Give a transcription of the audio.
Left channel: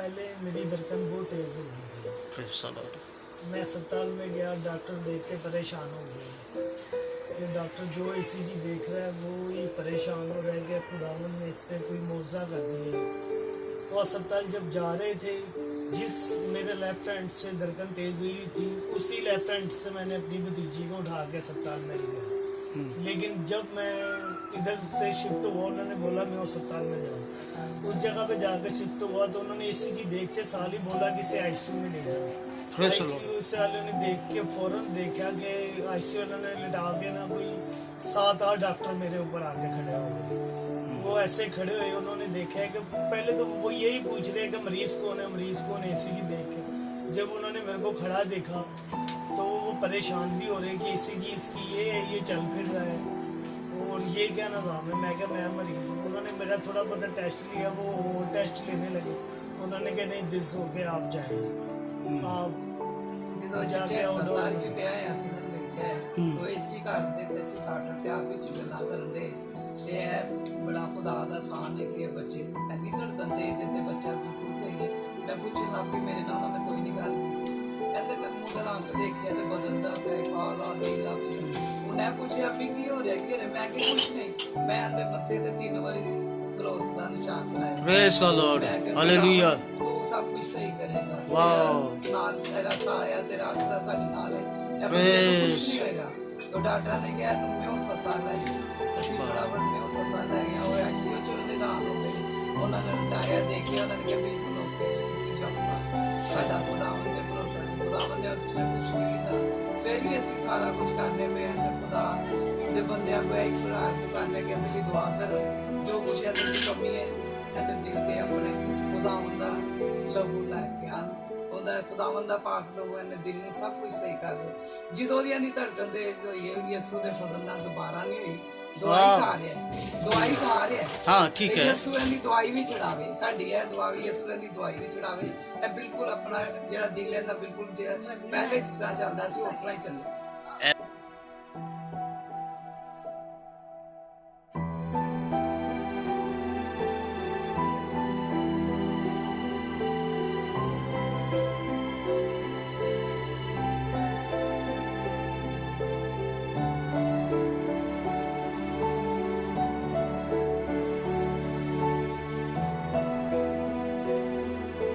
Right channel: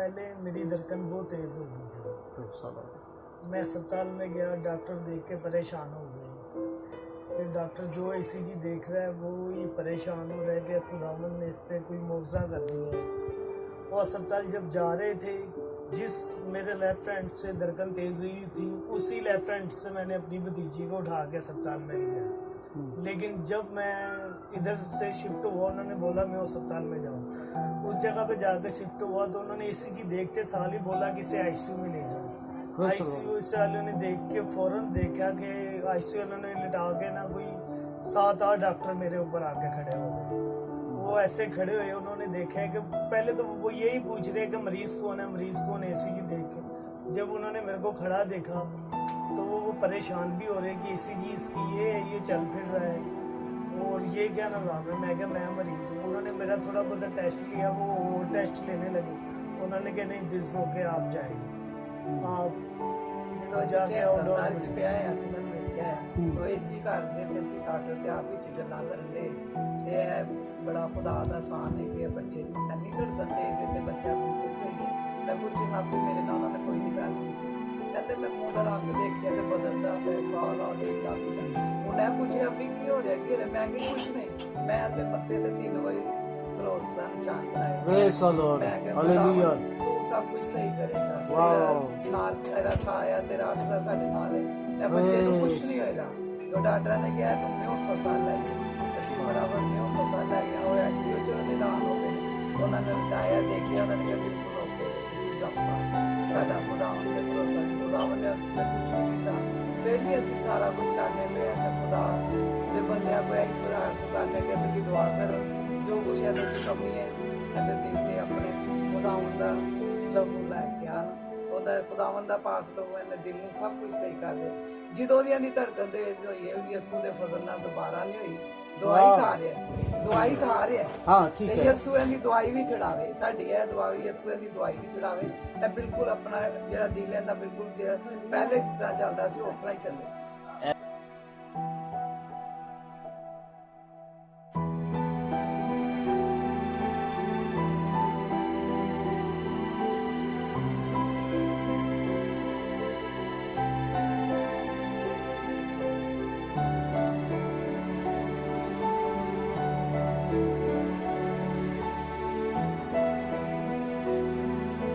पहले मेरी धड़कन बहुत तेज़ हो गई थी। मैं अस्पताल में गया, डॉक्टर देख के परेशान हो गए कि डॉक्टर जो ईसीजी देख रहा है वो ही परेशान हो रहा है कि खुदावंद ने इस पर कोई मुआवजा कर दिया है। वो अस्पताल जब जा रहे थे, जिस मेरे लेफ्ट हैंड से धड़कन तेज़ हुई थी उसी लेफ्ट हैंड से मैंने अपनी भतीजी को उठा के अस्पताल में ले गया। लेकिन जब मैं इधर से शिफ्ट हुआ, उन्होंने बोला मैं अस्पताल में जाऊँ। उस जगह पे जाकर शिफ्ट हुआ तो उन्होंने ईसीजी देखते साल ही बोला कि इसे आईसीयू में ले जाओ। आईसीयू से वालों ने देख के फौरन देखा कि आईसीयू वालों ने लिटा के ना कोई 7-8 डॉक्टर मेरे ऊपर आके खड़े हो गए। वो ऐसे खड़े हुए, उन्होंने देखा है कि पहले तो वो यही पूछ रहे हैं कि मरीज कौन है ईसीजी देख के। जब उन्होंने मेरे को खड़ा देखा तो वो परेशान भी हो रहे कि ईसीजी इसकी ये चल फिर रहा है और ये क्या निज़ाम है। मैं क्या, मैं मरीज हूँ। उन्होंने मेरा थोड़ा बहुत टेस्ट लिया, वो और टेस्ट लेने लगे। उन्होंने कहा नहीं दिस हो के आप जाएंगे, आप जाके ਹਸਪਤਾਲ ਚ ਪਿਆ ਹੈ, ਅਸੀਂ ਨਾਲ ਬੈਠੇ ਹੈ ਤੋ ਏਸੀ ਘਰ ਦੇ ਪੈਸੇ ਡਾਕਟਰ ਤੇ ਆਪ ਵਿੱਚ ਗੱਲਾਂ ਕਰਨ ਦੇ ਤੇ ਇਹ ਬੜਾ ਖੁਦਾ ਦਾ ਸਾਨ ਹੈ ਕਿ ਬੱਚੇ ਨੂੰ ਇੰਨੀ ਧੜਕਨ ਤੇਜ਼ ਹੈ ਤੇ ਬੱਚਾ ਬਿਲਕੁਲ ਸਹੀ ਹੈ। ਮੈਂ ਪੁੱਛਣ ਲੱਗ ਪਈ, ਮੇਰੇ ਨਾਲ ਉਹਨਾਂ ਨੇ ਕੋਈ ਨਹੀਂ ਗੱਲ ਕੀਤੀ। ਕਹਿੰਦੇ ਮੈਂ ਮੂੰਹ ਦਾ ਰੰਗ ਦੇਖਿਆ ਤੇ ਬਦਲਦਾ ਪਿਆ, ਕਾਲਾ ਨੀਲਾ ਪੀਲਾ। ਉਹਨੇ ਪੁੱਛਿਆ ਵੀ ਕੀ ਹੋ ਰਿਹਾ, ਕੀ ਹੋ ਰਿਹਾ? ਮੈਂ ਕਿ ਕੁਛ ਨਹੀਂ। ਮੈਂ ਤੇ ਮੱਥੇ ਤੇ 3 ਵਾਰੀ ਕ੍ਰੋਸ ਦਾ ਨਿਸ਼ਾਨ ਬਣਾਇਆ। Praise the Lord. Hallelujah. ਤੂੰ ਸਭ ਕੁਝ ਸਹੀ ਕਰੇਗਾ। Wow. ਨਾਲ ਤੇਰਾ ਸਾਇਆ, ਤੇਰਾ ਆਸਰਾ ਸਾਡੇ ਨਾਲ ਹੈ। ਇਹ ਬੱਚੇ ਨੂੰ ਕੁਝ ਨਹੀਂ ਹੋਏਗਾ। तो डॉक्टर ने कहा तुम मैं अस्पताल लै जाओ। असीं फटाफट मैं अस्पताल लै गया। वो आईसीयू च निदान हो गए। उन्होंने लटाया, देखिया, उन्होंने कहा बिल्कुल ओके, तुसीं जाओ। साडा खुदावन ते भरोसा जी, खुदावन ने उसने कुछ नहीं कीता। फिर भी असीं सारा कुछ करने में ते खुदा दे बंदियां को यही प्रार्थना करने कि तुसीं दुआ करो, जो कुछ इहदे च कमी है इहदे दिल ते अपने खुदावन दा लहू लैके आन। ਉਹਦਾ ਖੁਦਾਵੰਦ ਦਾ ਪਾਕ ਲਹੂ ਇਹਨੇ ਦਿਲ ਨੂੰ ਸਭ ਕੁਝ ਸਹੀ ਕਰ ਦੇ। ਜਦੋਂ ਉਹਦੀਆਂ ਦੀ ਧੜਕਨ ਤੇਜ਼ ਹੋਈ ਹੈ, ਯਿਸੂ ਦੇ ਫਜ਼ਲ ਨਾਲ ਦੁਬਾਰਾ ਨਹੀਂ ਹੋਈ। ਦਵਾਈ ਖਾ ਰਿਹਾ ਹਾਂ ਠੀਕ ਹੈ। ਯਿਸੂ ਇਹਦੀ ਦਵਾਈ ਵੀ ਛਡਾਵੇ, ਸਾਡੀ ਇਹ ਦੁਆ ਵੀ ਯਿਸੂ ਇਹਦੀ ਦਵਾਈ ਵੀ ਛਡਾਵੇ। ਇਹ ਬਿਲਕੁਲ ਆਪਣਾ ਜਿਹੜਾ ਦਿਲ ਹੈ ਨਾ ਬਿਲਕੁਲ ਜਿਹੜਾ ਪਹਿਲੇ ਜਿਸ ਤਰ੍ਹਾਂ ਚੱਲਦਾ ਸੀ ਉਸ ਤਰ੍ਹਾਂ ਹੀ ਚੱਲੇ।